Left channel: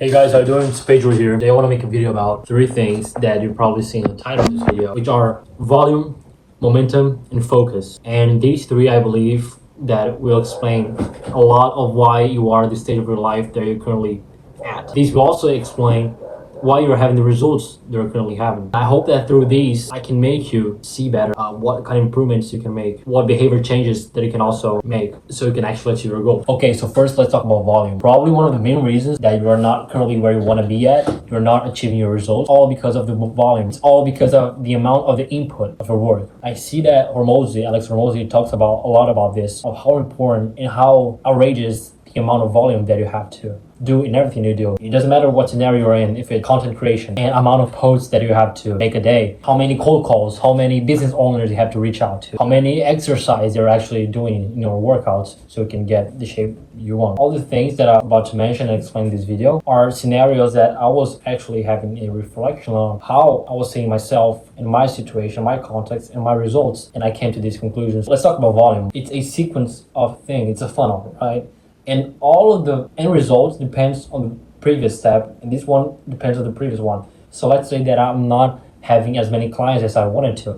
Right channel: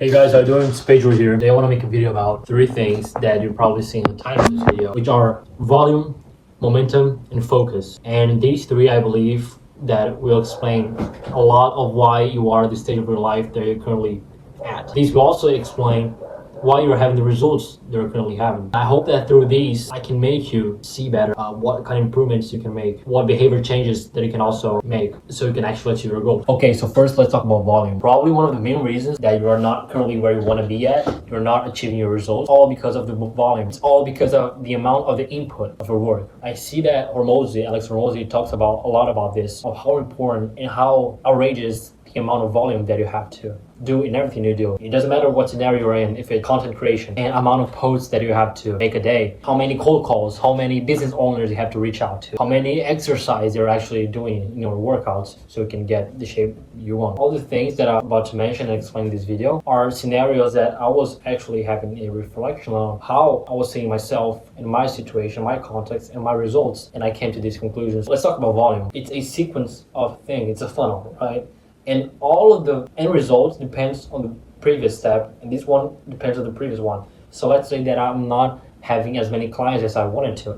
Hey guys, how you doing? It's Pedro here. Today I want to make a video about 3 things that you've probably seen in the title of this video, which are volume, momentum, and focus. And these 3, I believe, that will explain a lot of why you are at the stage of your life that you're currently at. These will also explain why you're having the results they're currently having. I hope that through these, I can make you see better what kind of improvements you can make, what behavior changes that you can also make so you can actually achieve your goal. Okay, so first let's talk about volume. Probably one of the main reasons that you're not currently where you want to be at, you're not achieving your results, all because of the volume. It's all because of the amount of the input of your work. I see that Alex Hormozi talks about a lot about this, of how important and how outrageous the amount of volume that you have to do in everything you do. It doesn't matter what scenario you're in, if it's content creation, and amount of posts that you have to make a day, how many cold calls, how many business owners you have to reach out to, how many exercise you're actually doing in your workouts so you can get the shape you want. All the things that I'm about to mention and explain in this video are scenarios that I was actually having a reflection on how I was seeing myself in my situation, my context, and my results, and I came to these conclusions. Let's talk about volume. It's a sequence of things. It's a funnel, right? And all of the end results depends on the previous step, and this one depends on the previous one. So let's say that I'm not having as many clients as I wanted to.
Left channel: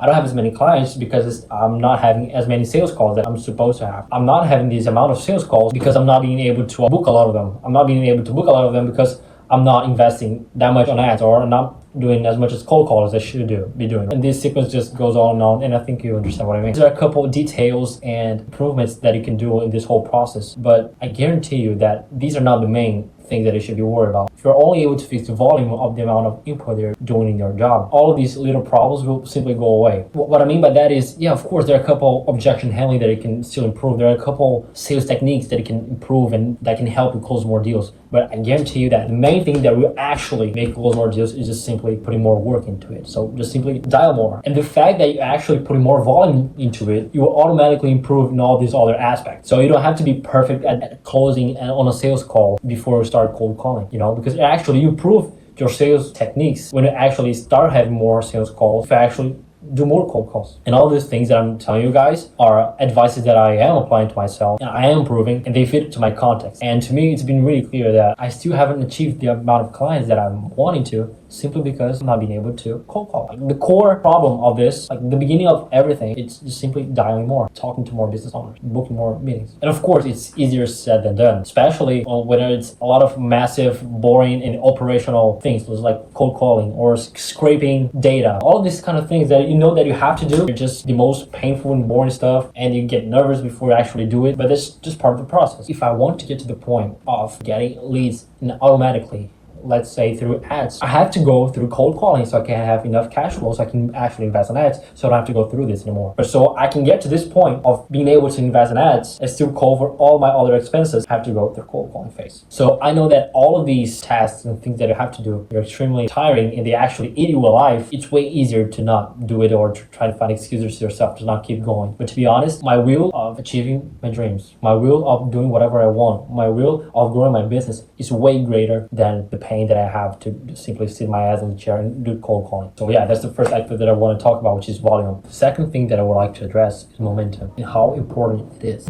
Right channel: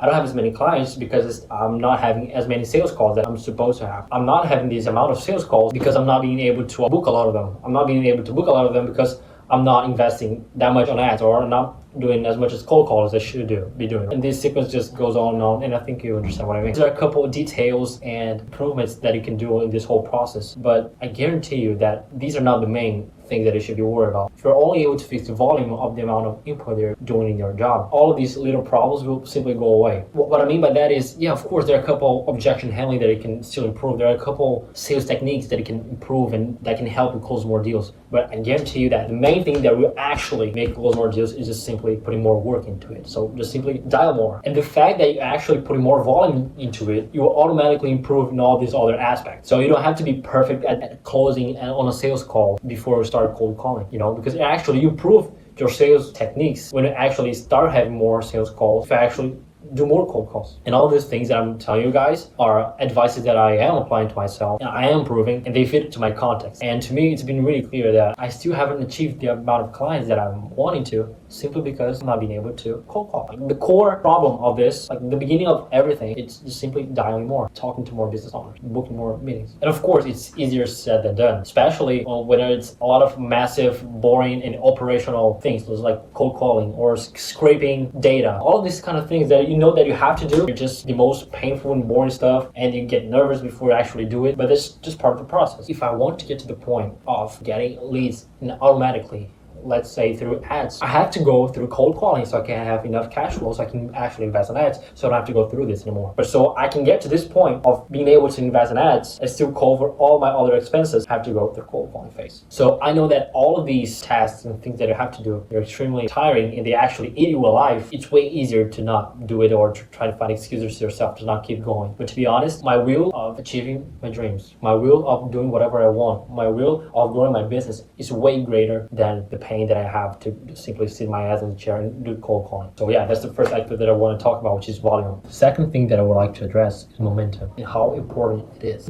I don't have as many clients because I'm not having as many sales calls that I'm supposed to have. I'm not having this amount of sales calls because I'm not being able to book a lot of them. I'm not being able to book a lot of them because I'm not investing that much on ads, or I'm not doing as much as cold calls as I should be doing. And this sequence just goes on, and I think you understand what I mean. There are a couple of details and improvements that you can do in this whole process, but I guarantee you that these are not the main thing that you should be worried about. If you're only able to fix the volume of the amount of input you're doing in your job, all of these little problems will simply go away. What I mean by that is, yeah, of course, there are a couple objection handling that you can still improve. There are a couple sales techniques that you can improve and that can help you close more deals. But I guarantee you that the main thing that will actually make you close more deals is just simply putting more work into it. So just simply dial more. And the fact that you actually putting more volume into it, you will automatically improve in all these other aspects. So you don't have to be perfect at closing on a sales call before you start cold calling, because actually you improve your sales techniques when you actually start having more sales calls, if you actually do more cold calls. And all these things that I'm telling you guys are advices that I am applying to myself, and I am improving, and they fit to my context. And to me, it's been really clear that I still haven't achieved the amount of clients that I'm wanting to, simply because I'm not being able to cold call. The core problem of this, the beginning of everything, it's just simply dialing more, talking to more business owners, booking more meetings. And of course, it's easier said than done, especially when it's a lot of massive, boring, and operational things, like cold calling or scraping data. All of these kind of things that you know that you have to do, are just the most painful and boring stuff, and you get nervous before you actually do it, but it's just part of the process. If I want to get to the point of getting leads automatically, let's say through ads, I have to go through cold calling so I can have enough cash flow so I can actually invest in ads, so I don't have to go through this anymore. But so I can get to this point of being able to invest in ads and still cover all my other expenses, I have to go through cold calling phase. So I know that all of these tasks and things that you have to do, they're extremely tiring and they actually eat you alive. It's way easier to not do it or to try to find excuses to yourself to not keep going. But to be honest, my will of achieving my dreams, my will of doing whatever I want, my will of growing my business is way greater than the pain that I have to simply sit my ass in the chair and do cold calling. So yeah, that's the first aspect that I want to talk about, which is volume. The second thing that I would like to address is momentum and how important it is.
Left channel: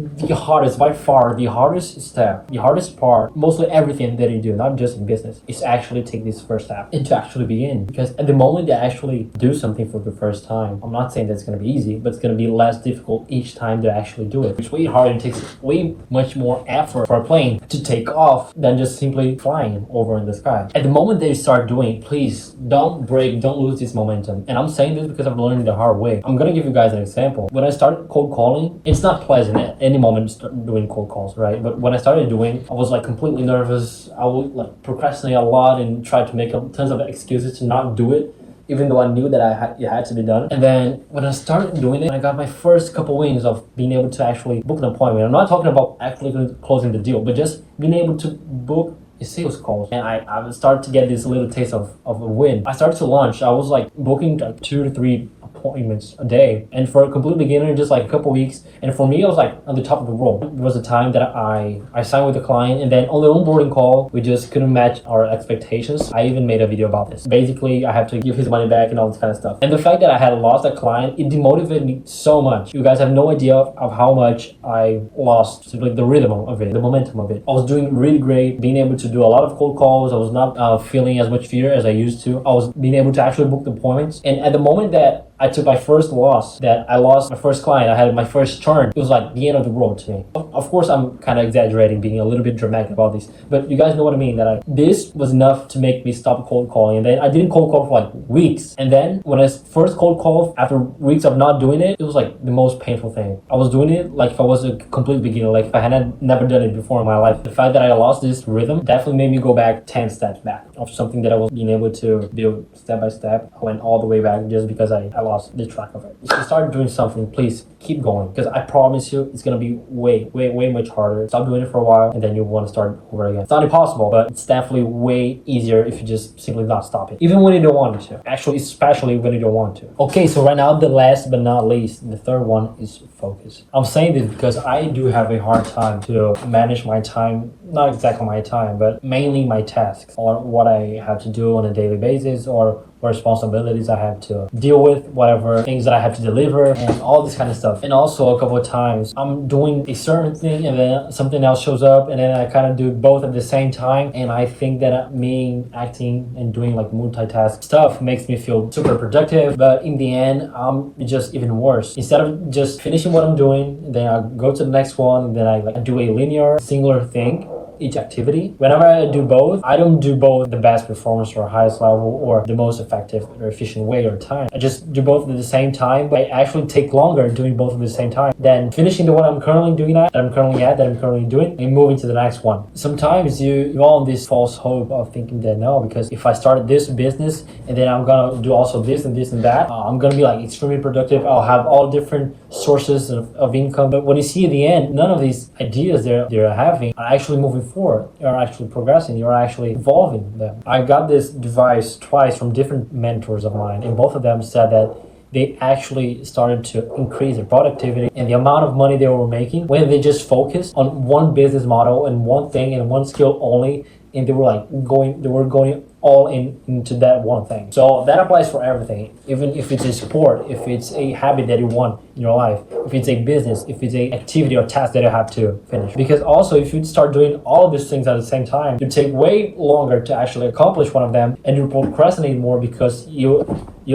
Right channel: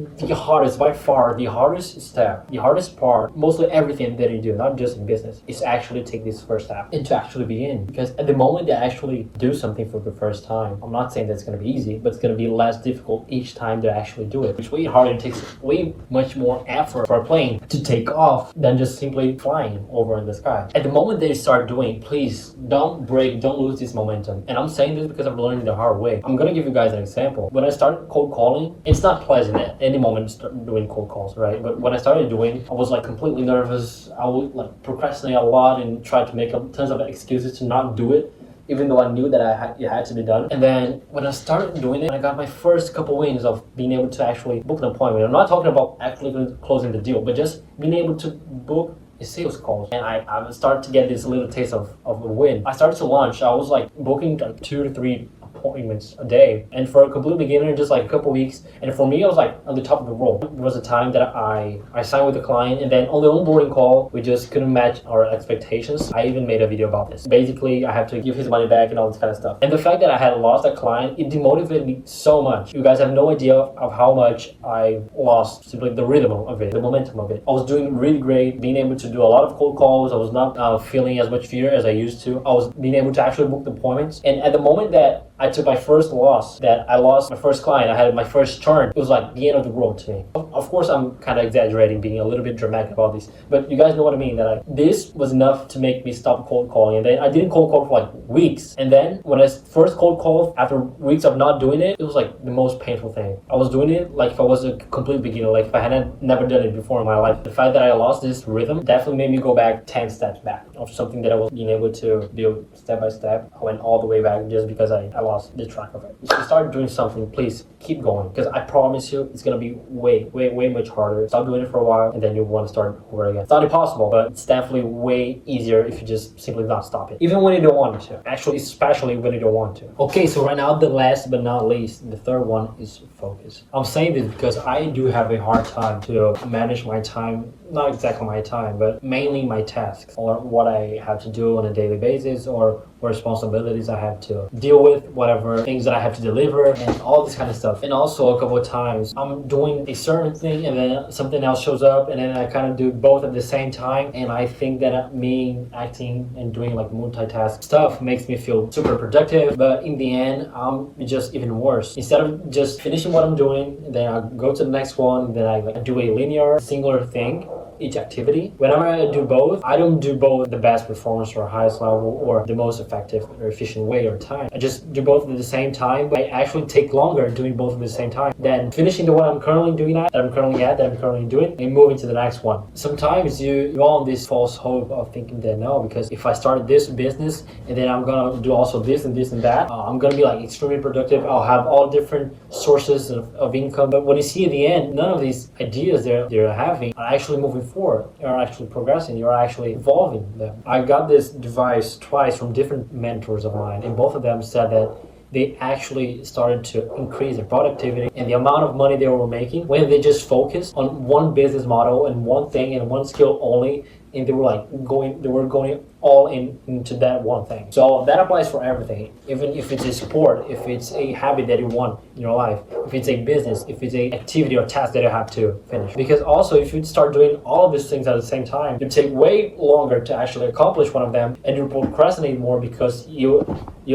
By far, the hardest step, the hardest part, mostly everything that you do, not just in business, is actually take this first step and to actually begin. Because at the moment that I actually do something for the first time, I'm not saying that it's going to be easy, but it's going to be less difficult each time to actually do it. It's way harder and takes way much more effort for a plane to take off than just simply flying over in the sky. At the moment that you start doing, please don't lose this momentum. And I'm saying this because I've learned the hard way. I'm gonna give you guys an example. When I started cold calling, it's not pleasant at any moment to start doing cold calls, right? But when I started doing, I was completely nervous. I would procrastinate a lot and try to make tons of excuses to not do it, even though I knew that it had to be done. And then when I started doing it, I got my first couple wins of being able to actually book an appointment. I'm not talking about actually closing the deal, but just being able to book sales calls, and I started to get this little taste of a win. I started to launch. I was booking 2 to 3 appointments a day. And for a complete beginner, just like a couple weeks. And for me, I was like on the top of the world. There was a time that I signed with a client, and then on the onboarding call, we just couldn't match our expectations. I even made a video about this. Basically, I have to give his money back and all this kind of stuff. And the fact that I had lost that client, it demotivated me so much. You guys have no idea of how much I lost simply the rhythm of it, the momentum of it. I was doing really great, being able to do a lot of cold calls. I was not feeling as much fear as I used to. I was being able to actually book the appointments. And at the moment that I took my first loss, that I lost my first client, I had my first turn, it was like the end of the world to me. Of course, I'm kind of exaggerating, being a little bit dramatic about this, but you guys know what I mean, that this was enough to make me stop cold calling. And then I didn't cold call for like weeks. And then when I first cold called, after weeks of not doing it, it was like the most painful thing. I was doing it like if I was a complete beginner, like if I had never done it before in my life. The fact that I lost this rhythm definitely made me go back 10 steps back of something that I was being able to build step by step. I went all the way back just because I lost the track of it. If you start doing something, please keep going, because I promise you it's gonna be way much harder. Stop doing it for a while and then you want to start over again. It's not impossible, but it's definitely way easier if you just simply not stop it, even when you don't want it to. Actually, especially when you don't want to. Okay, so right now, the last but not least, the third one is focus. I'm saying this because I do have a hard time to manage my time, not exactly my time, but mainly my tasks, or what I have to do on a daily basis, or responsibilities I have to deal with, whatever things that I have to deliver, and all this kind of stuff. And also a couple of times I'm doing a certain thing and then something else shows up, and then I kind of do both at the same time. And I think that me acting and doing like multitask stuff makes me feel super productive, but in the end, I'm just even worse. Instead of just finishing what I'm doing, then I go to the next one, then I do a linear, singular thing, each activity. Whenever I do both, I don't do both the best performance or highest level or the most effective or efficient way or time. I just do both at the same time, but I actually take longer doing both at the same time than finishing the one I'm currently doing that I'm currently doing, and moving to the next one. Sometimes you go on this false hope of thinking that no, because if I started this business and then I'm gonna do also this and this and that, I'm gonna be like extremely productive. I'll have all different sources of income. But when you see at the end, none of these ideas they're having are actually moving forward. You're actually progressing. You're actually evolving them. I got this advice twice from different mentors of mine, and both of them said that they actually started to increase their productivity and the amount of money they were making when they just focused on one business model and one thing and one skill only, and they were going all into that one thing. So that applies for everything, even if it's a sport, if it's a habit that you want in your life, if it's a business, if it's a activity or task that you have to finish. Because also, if you start doing all of these things at the same time, you take way longer to actually accomplish one of them, and you procrastinate more because you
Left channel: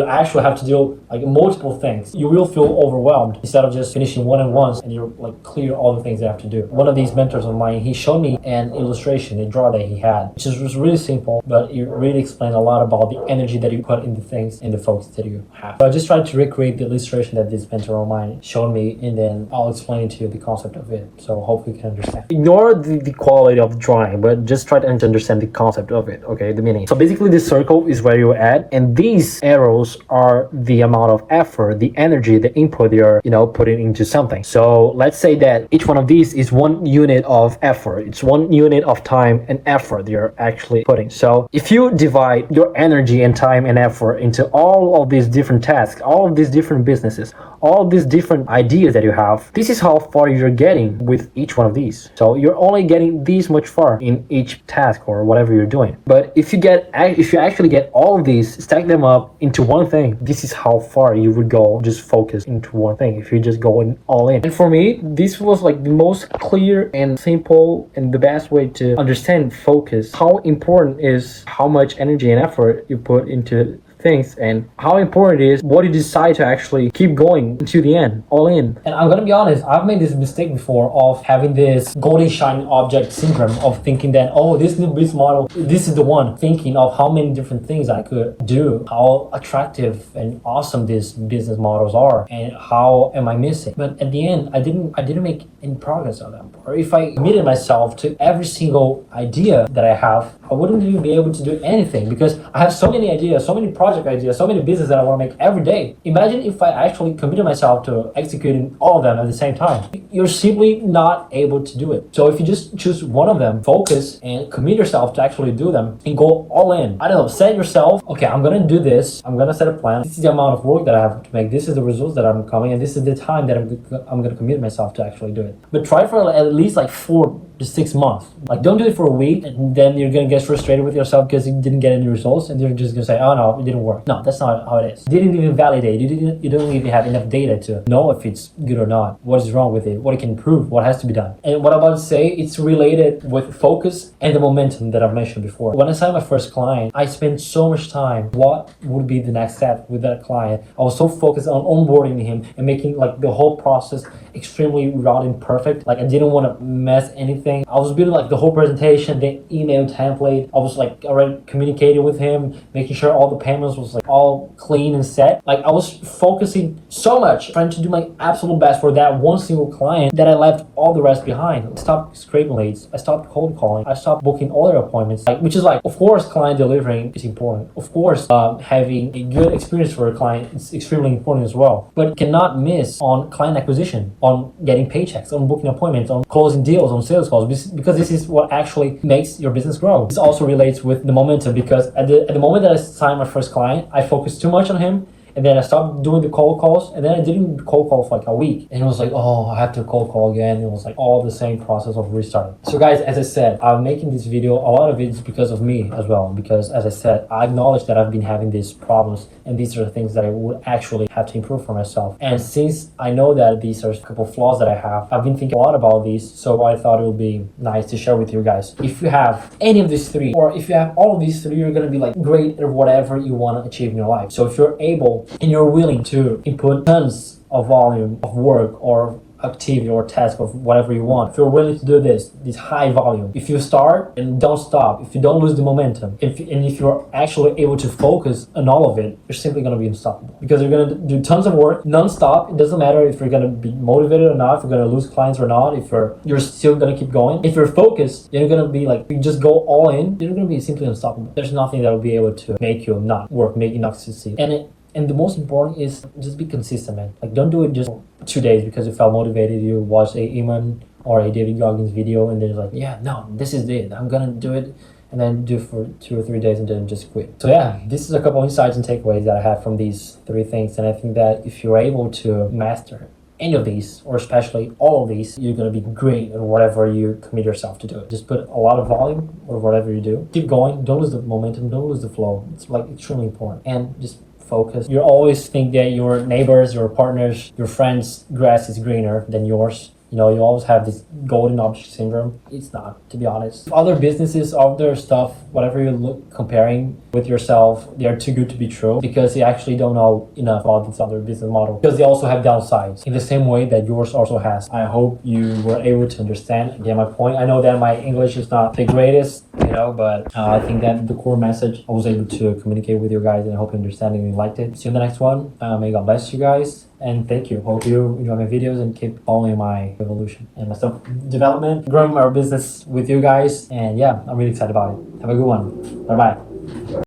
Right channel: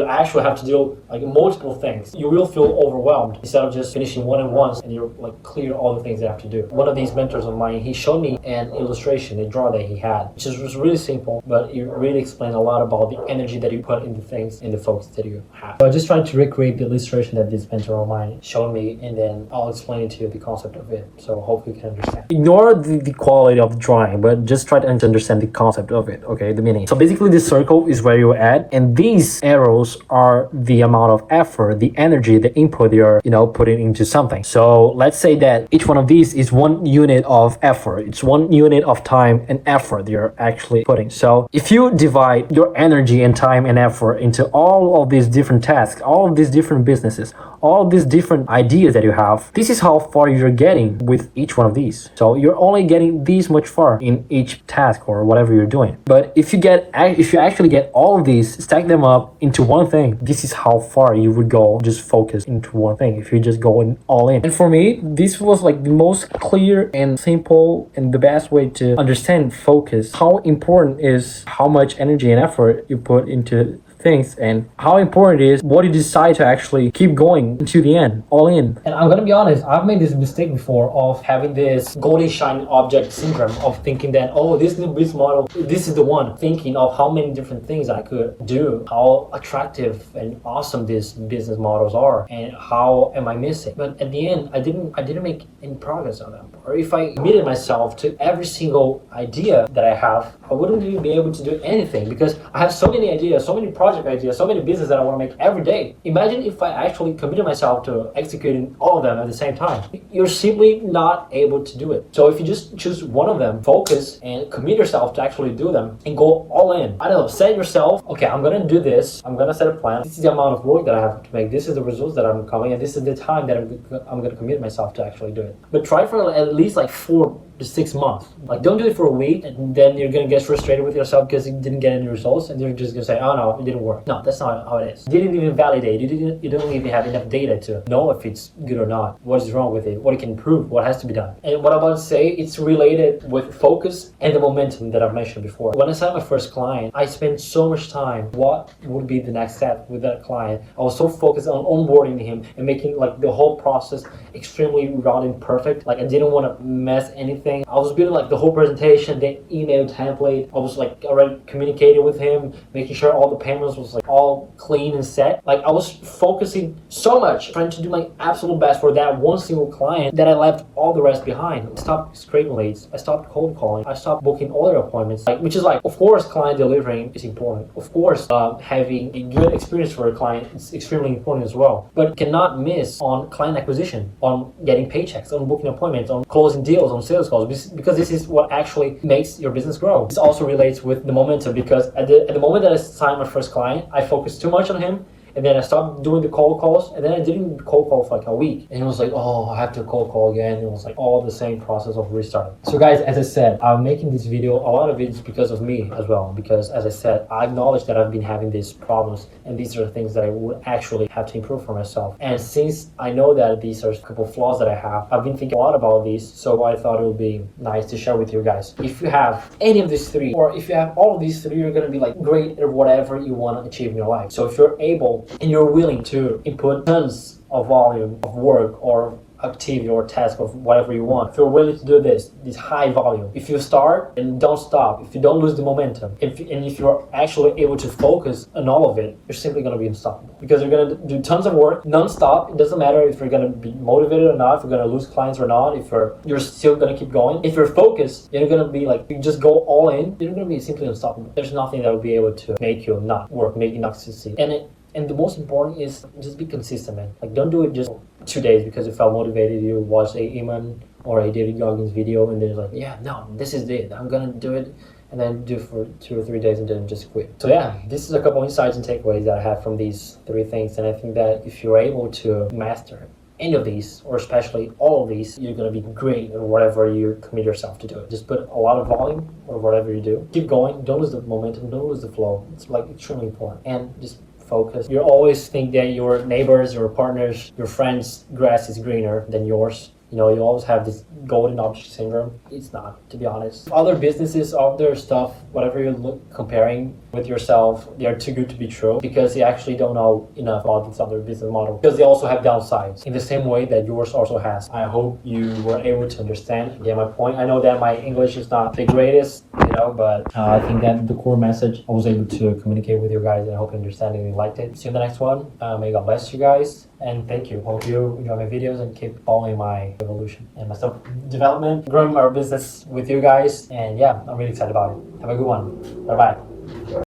actually have to do like multiple things. You will feel overwhelmed instead of just finishing one at once and you like clear all the things you have to do. One of these mentors of mine, he showed me an illustration, a draw that he had, which was really simple, but it really explained a lot about the energy that you put into things and the focus that you have. So I just tried to recreate the illustration that this mentor of mine showed me, and then I'll explain to you the concept of it. So hopefully you can understand. Ignore the quality of the drawing, but just try to understand the concept of it, okay, the meaning. So basically this circle is where you're at, and these arrows are the amount of effort, the energy, the input you're, putting into something. So let's say that each one of these is 1 unit of effort. It's 1 unit of time and effort you're actually putting. So if you divide your energy and time and effort into all of these different tasks, all of these different businesses, all of these different ideas that you have, this is how far you're getting with each one of these. So you're only getting this much far in each task or whatever you're doing. But if you actually get all of these, stack them up into one thing, this is how far you would go just focus into one thing if you just go all in. And for me, this was like the most clear and simple and the best way to understand focus. How important is how much energy and effort you put into things, and how important it is what you decide to actually keep going into the end, all in. And I'm gonna be honest, I've made this mistake before of having this golden shiny object syndrome of thinking that, oh, this new business model, this is the one, thinking of how many different things I could do, how attractive and awesome these business models are, and how am I missing. But at the end, I didn't make any progress on them. Or if I committed myself to every single idea that I have, I wouldn't even be able to do anything, because I have so many ideas, so many projects project ideas, so many businesses that I want to make every day. Imagine if I actually committed myself to executing all of them at the same time. You're simply not able to do it. So if you just choose one of them, focus and commit yourself to actually do them and go all in. I don't know, set yourself, okay, I'm gonna do this, I'm gonna set a plan. This is the amount of work that I have to make. This is the results that I'm coming, and this is the time that I'm gonna commit myself to actually do it. But try for at least like 4 to 6 months. Like, don't do it for a week and then you're gonna get frustrated with yourself because you didn't get any results, and you're just gonna say, oh no, it didn't work. No, that's not how it is. You didn't even validate. You don't even have enough data to know if it's good or not, what is wrong with it, what it can improve, what has to be done. And what I'm about to say, it's related with focus and the momentum that I've mentioned before. When I signed my first client, I spent so much time. What would be the next step with that client? I was so focused on onboarding him and making like the whole process extremely routed and perfect. Like, I didn't want to mess anything. I was building like the whole presentation, the email template. I was like already communicating with him, making sure all the payments was like all clean and set. Like, I was focusing so much, trying to do my absolute best for that one single client, that I left all the rest behind. I stopped scraping leads. I stopped cold calling. I stopped booking other appointments. Like, which is like, of course, client delivering is important. Of course, having a good experience for a client is extremely important as well. But cannot miss on client acquisition, on getting paychecks, on booking appointments, on closing deals, on sales calls, because this is what actually makes your business grow. This also relates with the momentum, because at the moment that I signed my first client, I focused too much on him. And then I stopped doing the cold calls, and then I didn't cold call for like a week. And it was like, oh, I have to cold call again. It was like all the same process of restarting. So guys, as I said, I'm making this video, a lot of it is because of me as well. Because as I said, I acknowledge that I've been having these problems, and these are the things that I would actually have to improve for myself. And since I know that these are a couple of flaws that I have, I've been thinking a lot about these. So I thought it would be nice to share with you guys. If you have any of these three, or if you have all of these three, you're gonna be like great at whatever you want to achieve in your life. So if you're able and you're willing to input tons of volume of work or activity or task of whatever you want, if you're willing to do this high volume, if you start and don't stop, if you don't lose the momentum, if you're actually able to focus on all of it, you're simply going to be unstoppable, because you're going to do tons of work non-stop. It doesn't matter if you're going to be motivated or not, if you're going to lose clients or not, if you're still going to keep going. If you're focused, you're going to be like, you just go all in, you're going to be simply unstoppable. There's nothing that will be able to make you not work, make you not succeed. And the most important is just be consistent, man. Like, don't do it just 2 days because you felt motivated. You watched a Eamon or a David Goggins video and they're like, yeah, no, this is it. I'm gonna do it. And then do for 2 or 3 days and then just quit. So yeah, this is a couple insights and takeaways that I have from these 3 things. And I think that if you're able to master any of these, or especially all of these, you're gonna be great at whatever you commit yourself to do it. Just put a lot of volume or whatever you do. Keep going. Don't lose the momentum. Don't lose the flow. It's like extremely important. And just focus. You always think that your neighbors, your partners, your friends' grass is greener than yours. You know, you always have this golden object syndrome. It's not, to be honest. Other businesses, other stuff, whatever you look comparing with yourself, they're too good to be true, because you actually don't know enough about this other business model, because they also have downsides in the same way that yours also has. I hope you were able to understand again my point. I know that my English is not the greatest, but I think that the core message I was able to communicate with you guys, and I hope you understand and you liked it. See you in the next one. May God bless you guys. And thank you. Hope you enjoy my videos and keep following my evolution and my self-development, growing my business with you guys. And yeah, I'm really excited about it. Have a good one. Bye-bye.